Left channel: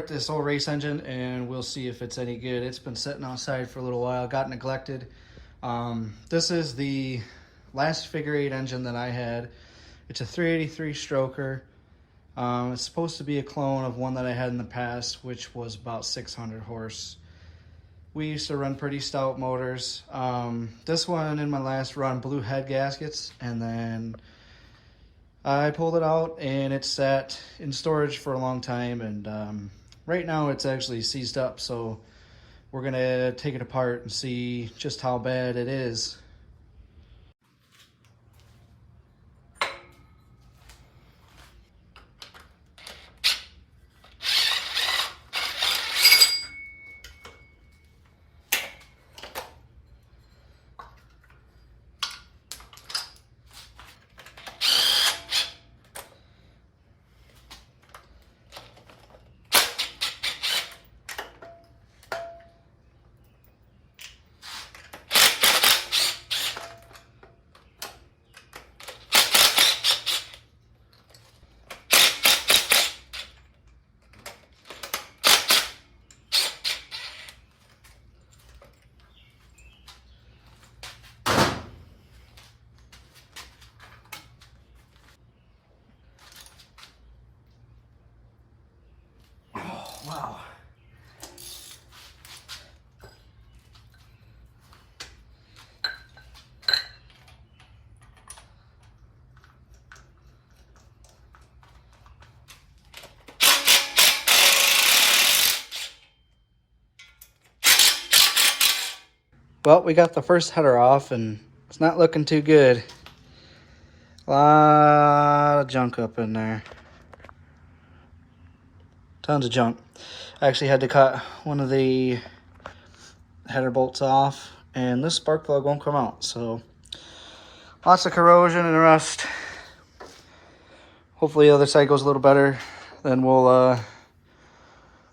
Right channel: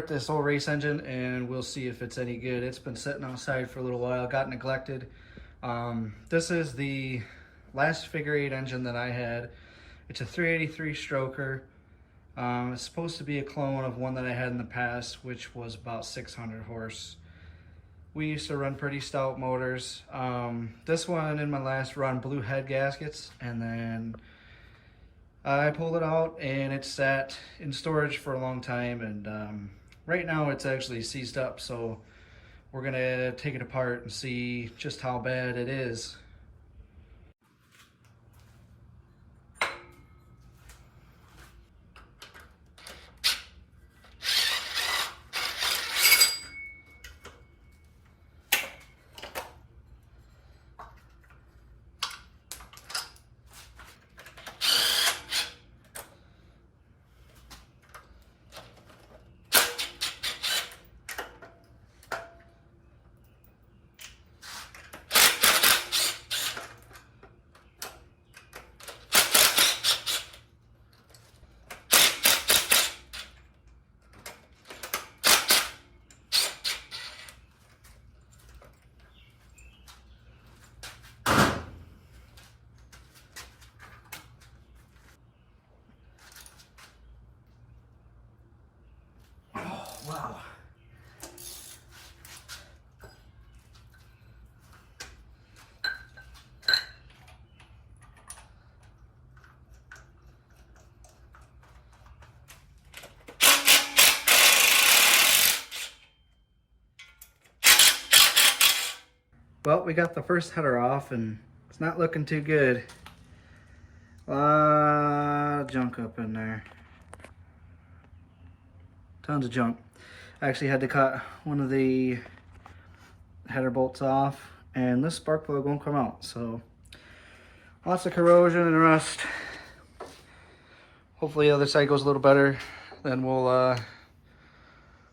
start this old race engine and we'll see if it's any good. It's been sitting outside for a little while, got neglected. This is the last figure 8 engine that I had. It's a 383 stroker. It's supposed to be a clone of one that I had in the past, which was about 600 horse. We used to run pretty stout motors. This one in my last run blew head gaskets, and then I pulled it out and it sat in storage for a long time, and right now it's actually seized up, so we're gonna take it apart and see just how bad it is. Wow. Well, we got the first header off and it's not looking too good. A lot of junk up in there. Tons of junk. I actually had to cut one of the header bolts off, and this spark plug won't come out, so lots of corrosion and rust. Hopefully the other side goes a little better. Then we'll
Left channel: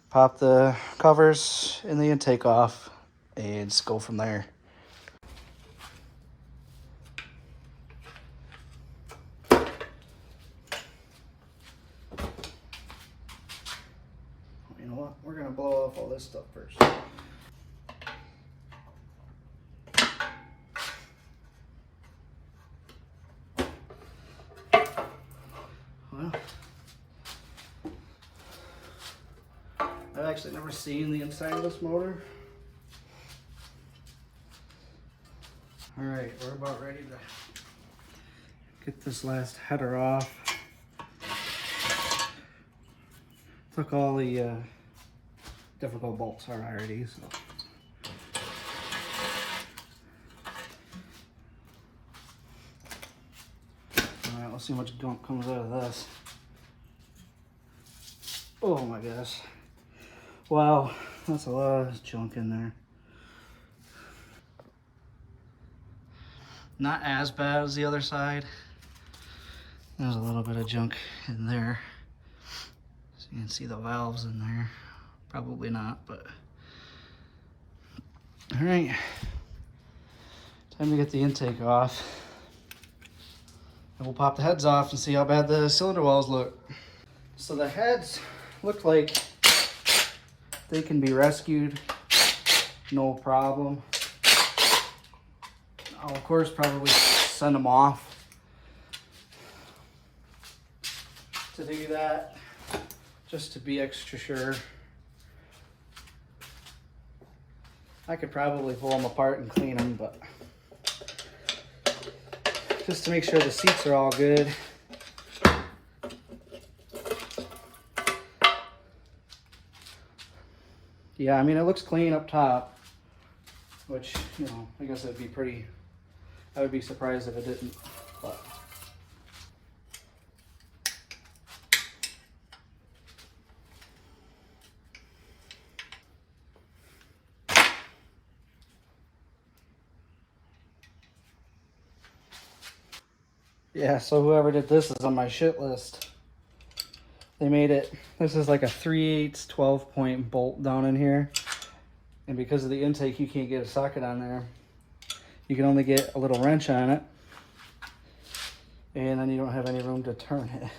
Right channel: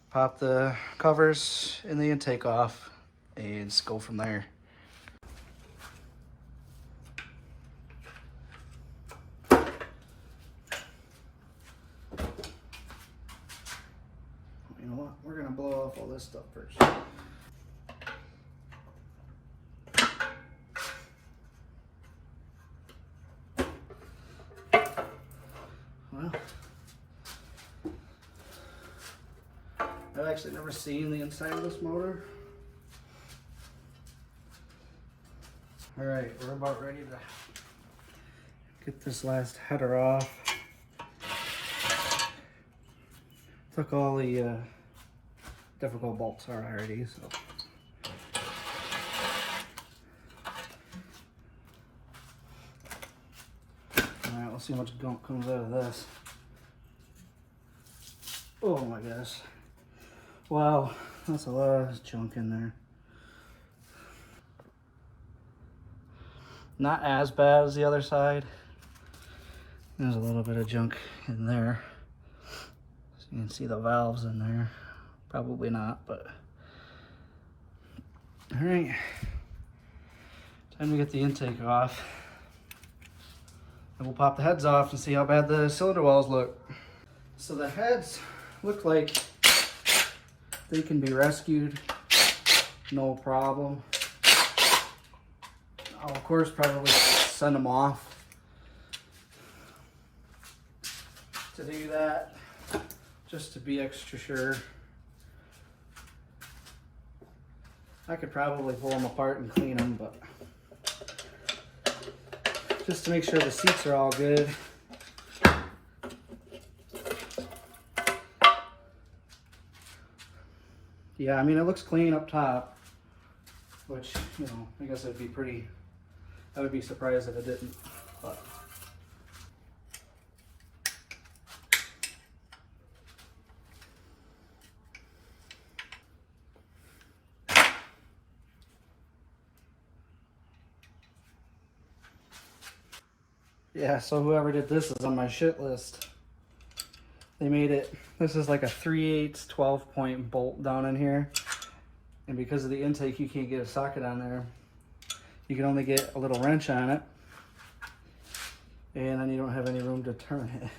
pop the covers and the intake off and just go from there. You know what? We're gonna blow off all this stuff first. Well, I've actually never seen the inside of this motor. All right, we're about ready to get this last header off. Took all the difficult bolts out already, so. All right, let's see how much gunk comes out of this. Oh my gosh. Wow, that's a lot of junk in there. Not as bad as the other side. There's a little bit of junk in there. So you can see the valves in there. Probably not, but. All right, time to get the intake off. And we'll pop the heads off and see how bad the cylinder walls look. So the heads look like they can be rescued, no problem. I'll of course probably send them off. To do that, just to be extra sure. I could probably pull them apart and clean them, but just to make sure the seats are all good. Yeah, I mean, it looks clean up top, which, you know, I guess it'd be pretty, I would be surprised if it didn't, but. Yeah, so whoever did this is on my shit list. They made it, this is like a 3/8 12-point bolt down in here. And because of the intake, you can't get a socket on there. You can only get a little wrench on it. And then you don't have any room to turn it.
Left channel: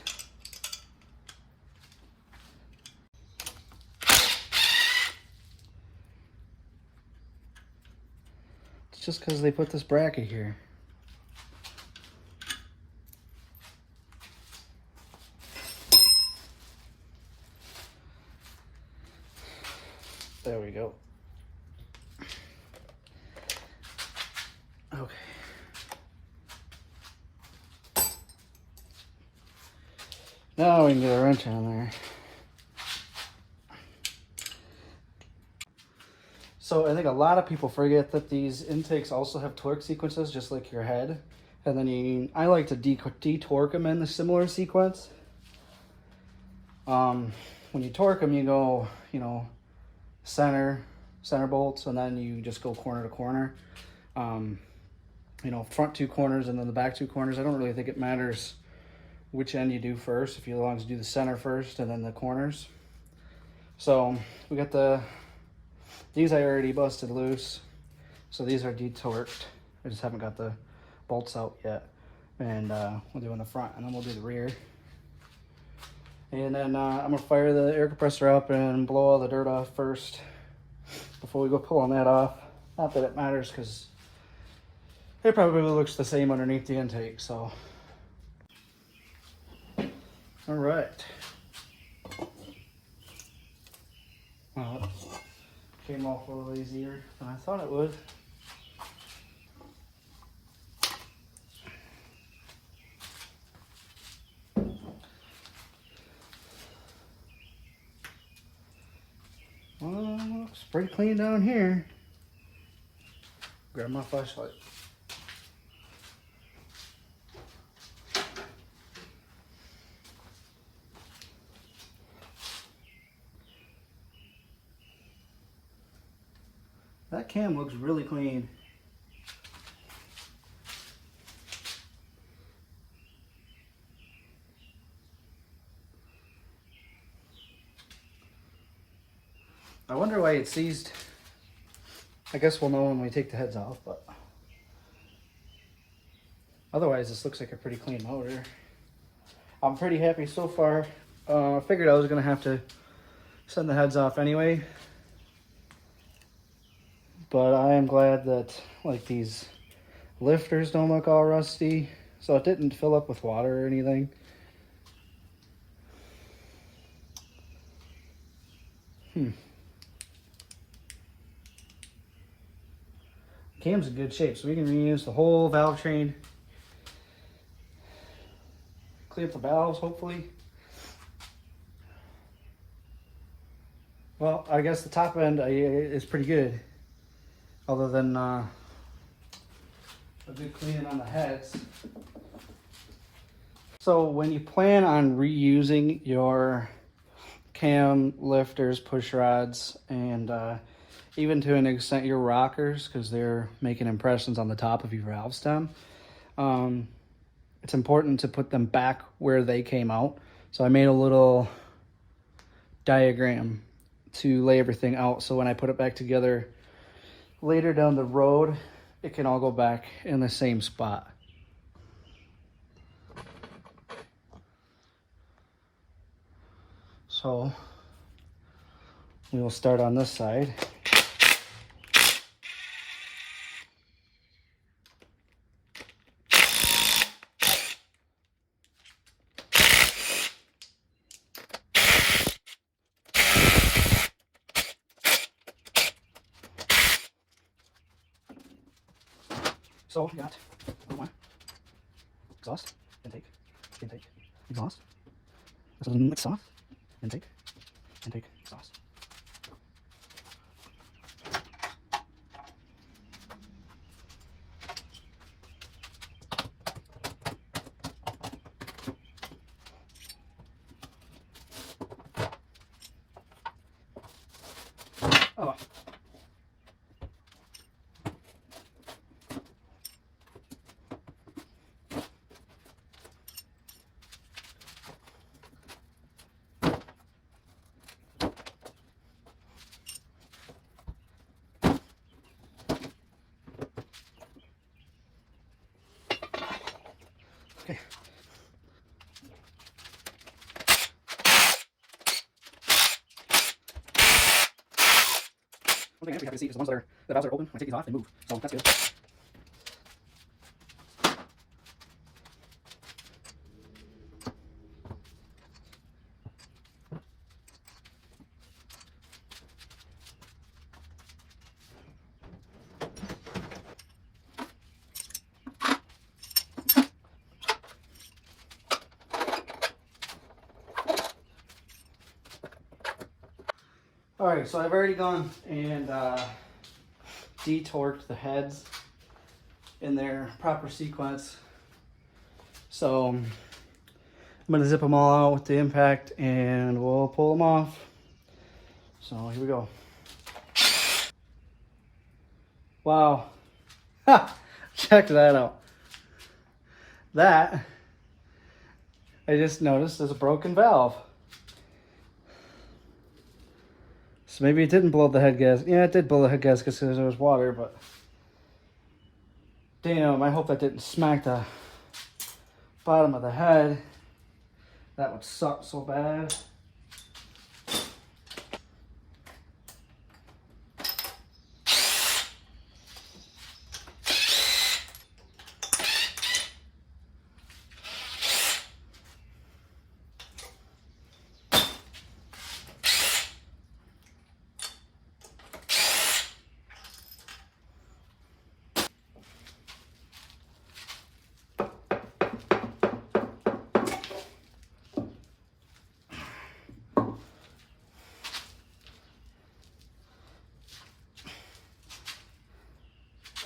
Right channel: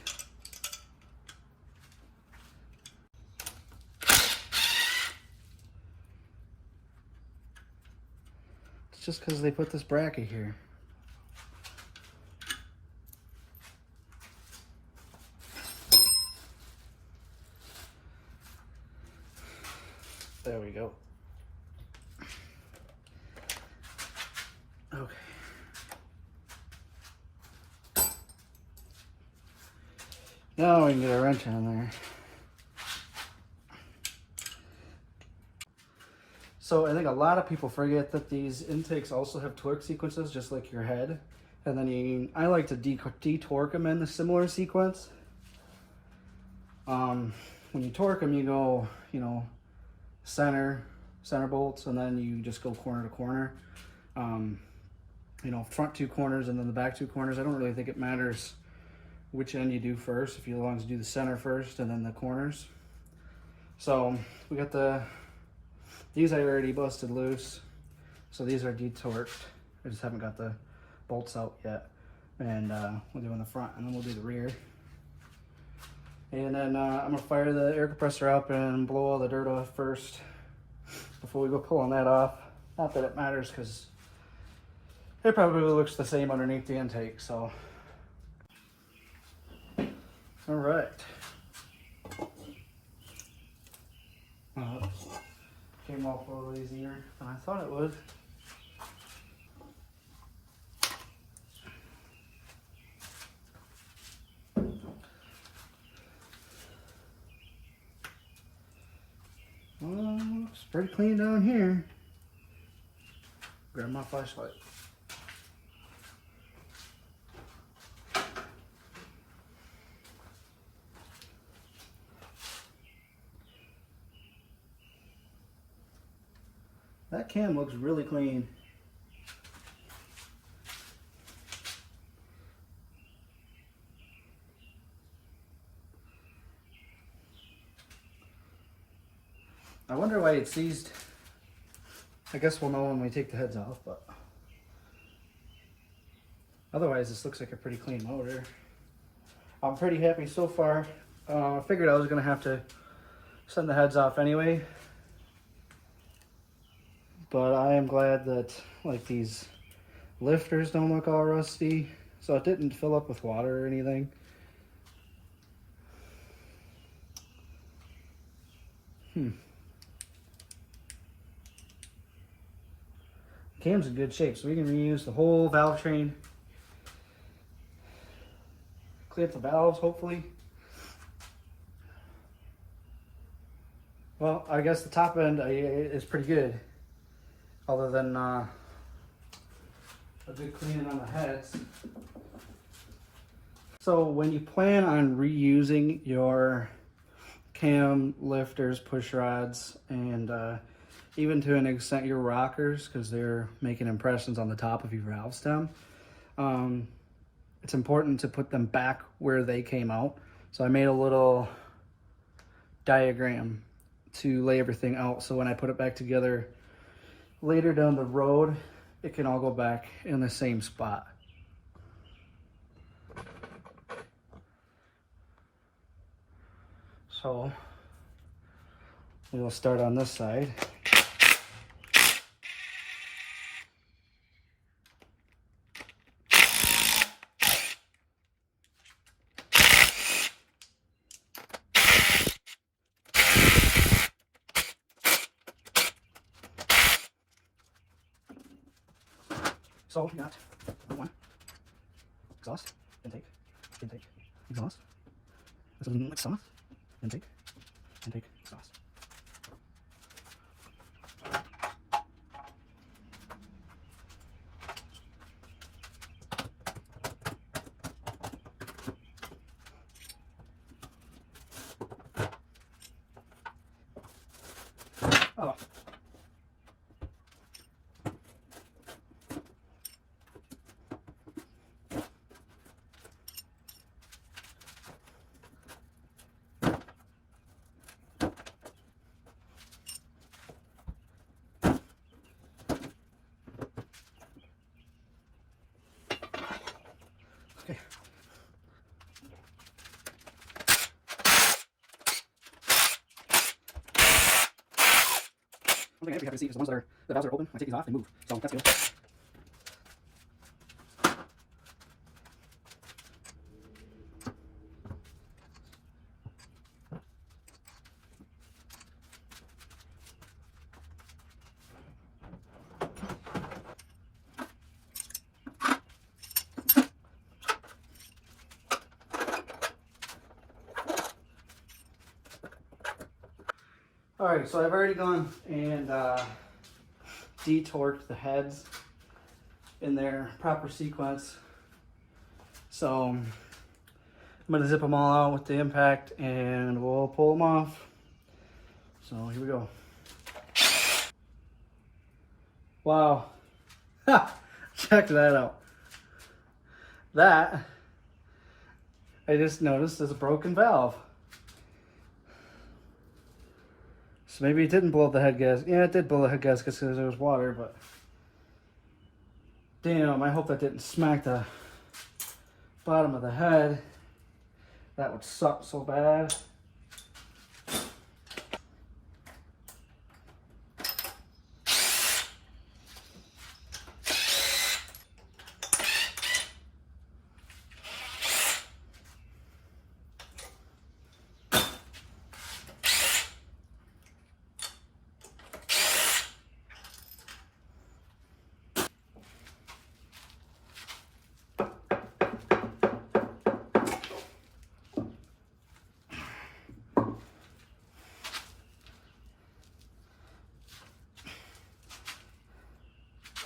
It's just because they put this bracket here. There we go. Okay. Now we can get a wrench on there. So I think a lot of people forget that these intakes also have torque sequences, just like your head. And then I like to de-torque them in a similar sequence. When you torque them, you go, center bolts, and then you just go corner to corner. Front two corners and then the back two corners. I don't really think it matters which end you do first, if you long as you do the center first and then the corners. So we got these I already busted loose. So these are de-torqued. I just haven't got the bolts out yet. And we'll do in the front and then we'll do the rear. And then I'm gonna fire the air compressor up and blow all the dirt off first before we go pulling that off. Not that it matters, because it probably looks the same underneath the intake, so. All right. Came off a little easier than I thought it would. Looks pretty clean down here. Grab my flashlight. That cam looks really clean. I wonder why it seized. I guess we'll know when we take the heads off, but otherwise this looks like a pretty clean motor. I'm pretty happy so far. I figured I was gonna have to send the heads off anyway, but I am glad that these lifters don't look all rusty, so it didn't fill up with water or anything. Cam's in good shape, so we can reuse the whole valve train. Clean up the valves, hopefully. Well, I guess the top end is pretty good, other than a good cleaning on the heads. So when you plan on reusing your cam lifters, push rods, and even to an extent your rockers, because they're making impressions on the top of your valve stem, it's important to put them back where they came out. So I made a little diagram to lay everything out, so when I put it back together later down the road, it can all go back in the same spot. So we'll start on this side. So we got one exhaust, intake, exhaust. This is a mix off, intake, exhaust. Oh. thing I have to see is the ones that are, the valves are open. When I take these off, they move. So that's good. All right, so I've already gone and detorqued the heads in their proper sequence. So I'm gonna zip them all out with the impact and we'll pull them off. So here we go. Wow, ha! Check that out. That, I just noticed, is a broken valve. So maybe it didn't blow the head gasket. Yeah, it did blow the head gasket because there was water, but damn, I hope that didn't smack the bottom of the head. That would suck so bad.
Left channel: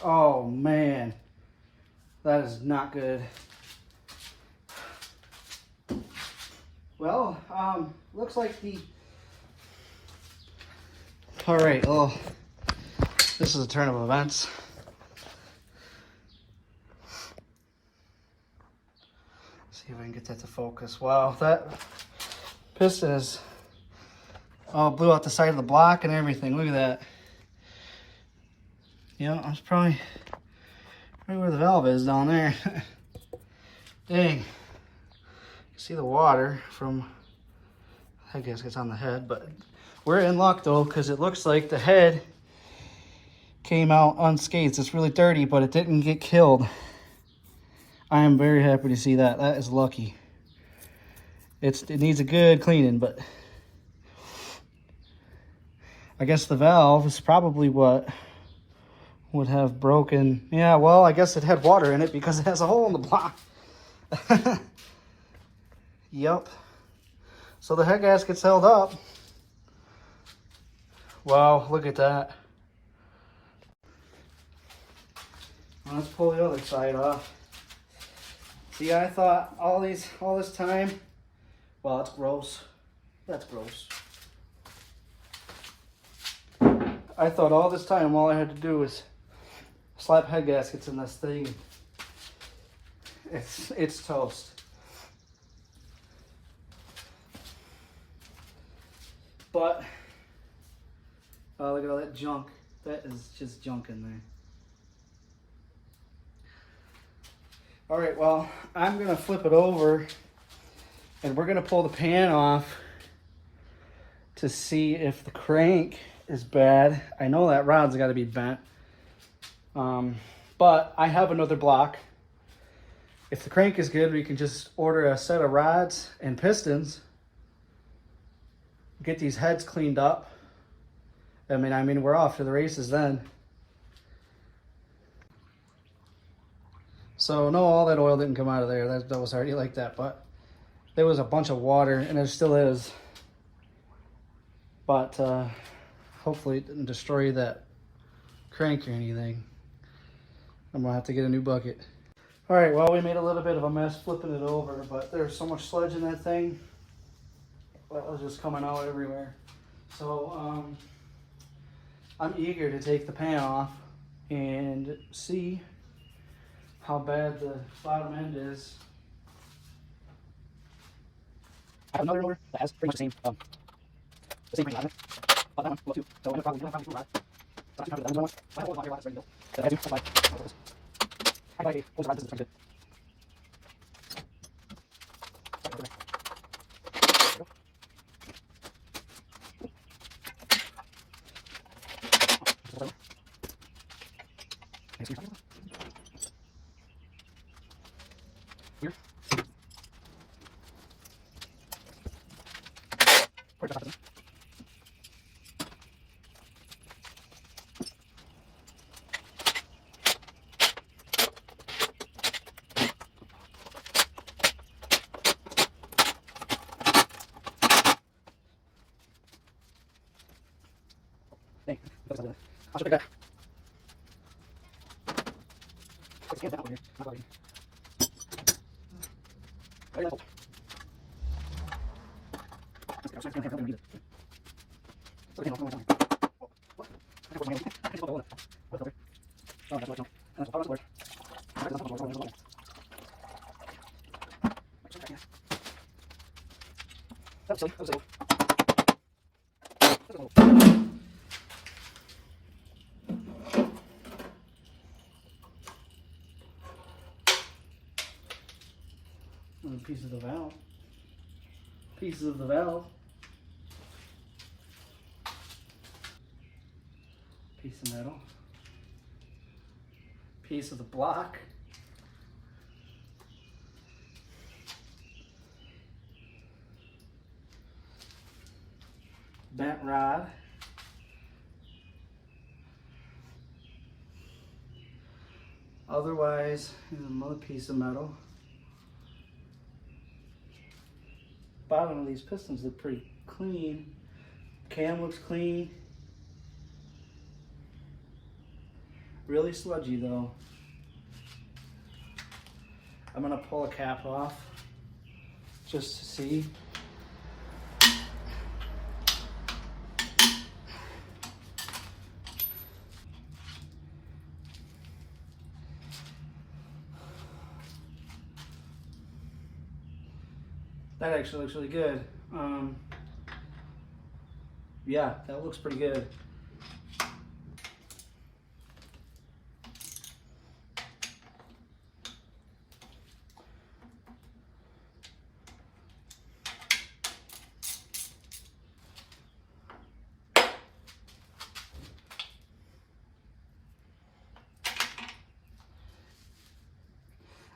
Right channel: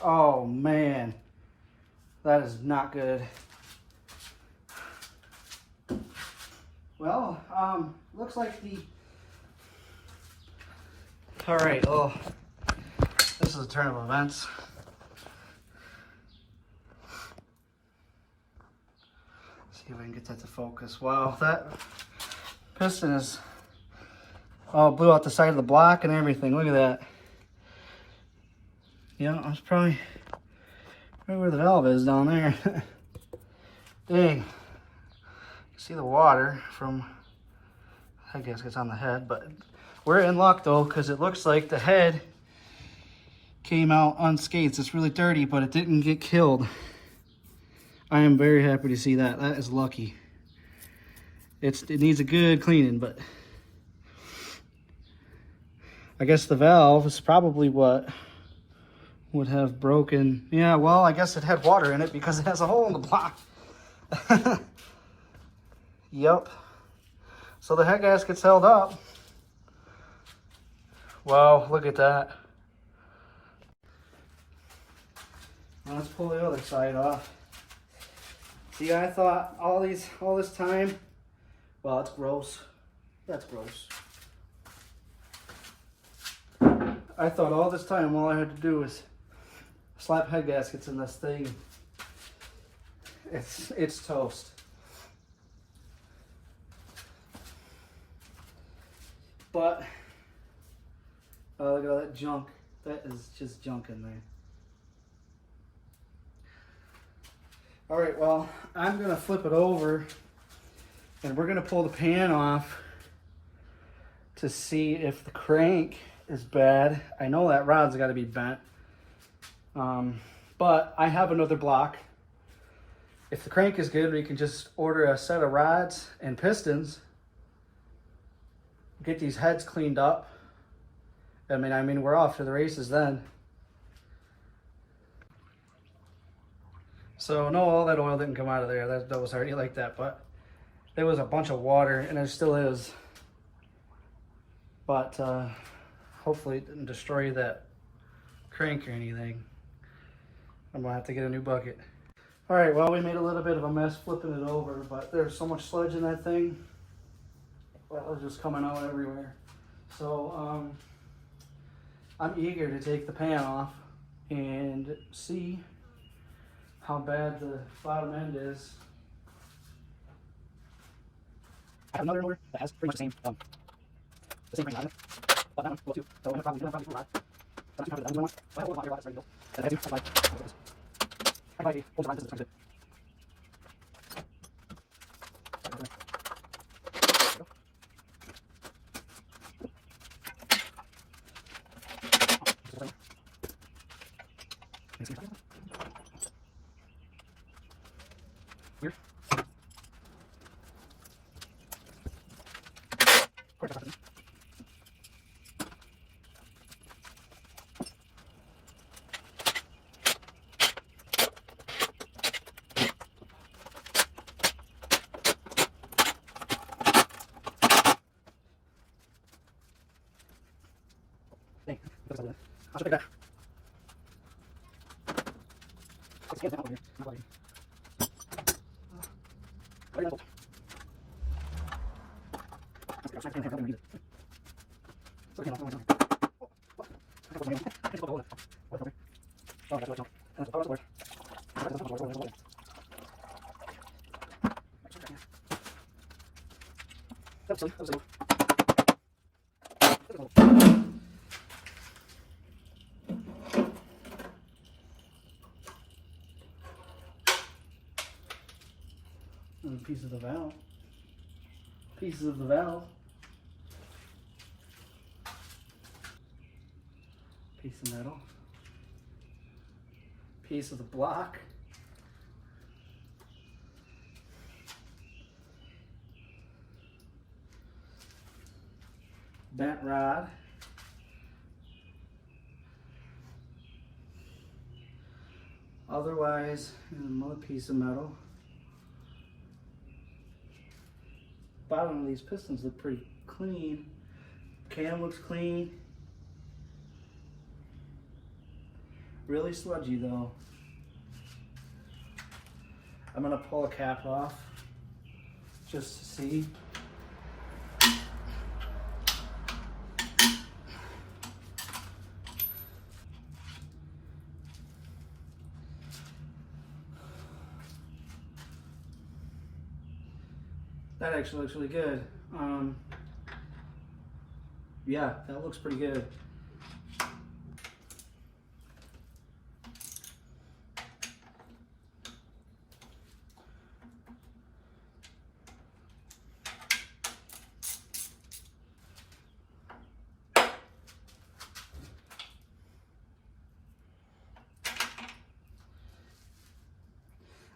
Oh man, that is not good. Well, looks like all right, oh, this is a turn of events. Let's see if I can get that to focus. Wow, that piston is all blew out the side of the block and everything. Look at that. Yeah, that's probably right where the valve is down there. Dang. You see the water from, I guess it's on the head, but we're in luck though, because it looks like the head came out unscathed. It's really dirty, but it didn't get killed. I am very happy to see that. That is lucky. It needs a good cleaning, but I guess the valve is probably what would have broken. Yeah, well, I guess it had water in it because it has a hole in the block. Yep. So the head gasket's held up. Wow, look at that. Well, let's pull the other side off. See, I thought all this time, well, it's gross. That's gross. I thought all this time all I had to do was slap head gaskets in this thing. It's toast. But look at all that junk. That is just junk in there. All right, well, I'm gonna flip it over and we're gonna pull the pan off to see if the crank is bad. I know that rod's gotta be bent. But I have another block. If the crank is good, we can just order a set of rods and pistons, get these heads cleaned up. I mean, we're off to the races then. So no, all that oil didn't come out of there. That was already like that, but there was a bunch of water, and there still is. But hopefully it didn't destroy that crank or anything. I'm gonna have to get a new bucket. All right, well, we made a little bit of a mess flipping it over, but there's so much sludge in that thing. That was just coming out everywhere. So I'm eager to take the pan off and see how bad the bottom end is. I have another motor that has pretty much the same thing on it, but that one will too. So I'm probably not too hard. Not too hard. That one, I hold on here while it's ready to go. That I do. That's why I like hold the rod. This is kind of good. Piece of the valve. Pieces of the valve. Piece of metal. Piece of the block. Bent rod. Otherwise, another piece of metal. Bottom of these pistons look pretty clean. Cam looks clean. Really sludgy though. I'm gonna pull a cap off just to see. That actually looks really good. Yeah, that looks pretty good.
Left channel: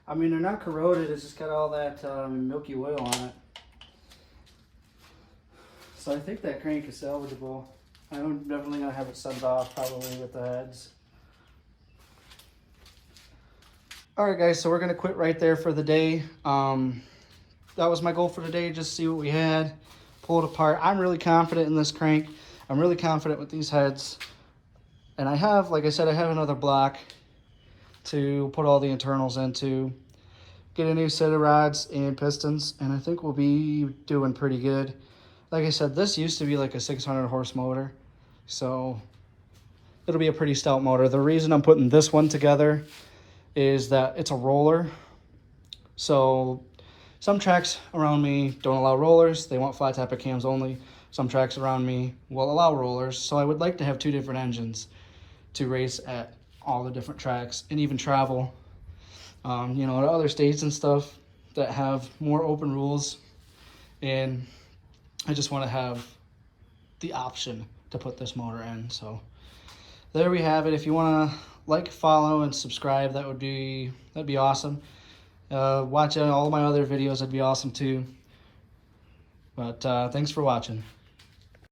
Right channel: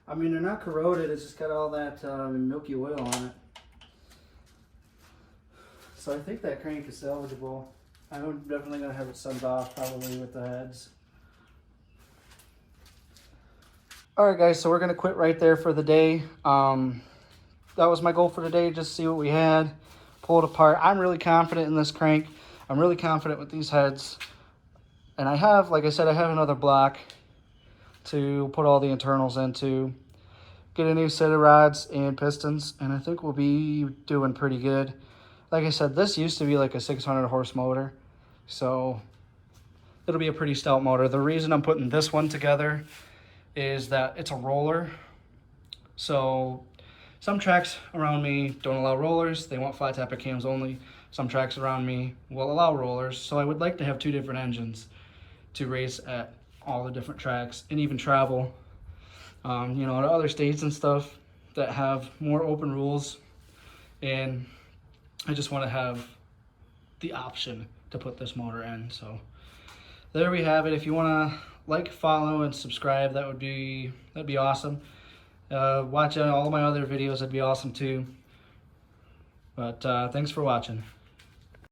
I mean, they're not corroded, it's just got all that milky oil on it. So I think that crank is salvageable. I'm definitely going to have it sent off, probably with the heads. Alright guys, so we're going to quit right there for the day. That was my goal for today, just see what we had, pull it apart. I'm really confident in this crank. I'm really confident with these heads. And I have, like I said, I have another block to put all the internals into, get a new set of rods and pistons, and I think we'll be doing pretty good. Like I said, this used to be like a 600 horse motor, so it'll be a pretty stout motor. The reason I'm putting this one together is that it's a roller. So some tracks around me don't allow rollers, they want flat tappet cams only. Some tracks around me will allow rollers, so I would like to have two different engines to race at all the different tracks and even travel, you know, to other states and stuff that have more open rules. And I just want to have the option to put this motor in. So there we have it. If you want to like, follow, and subscribe, that'd be awesome. Watch all my other videos, that'd be awesome too. But thanks for watching.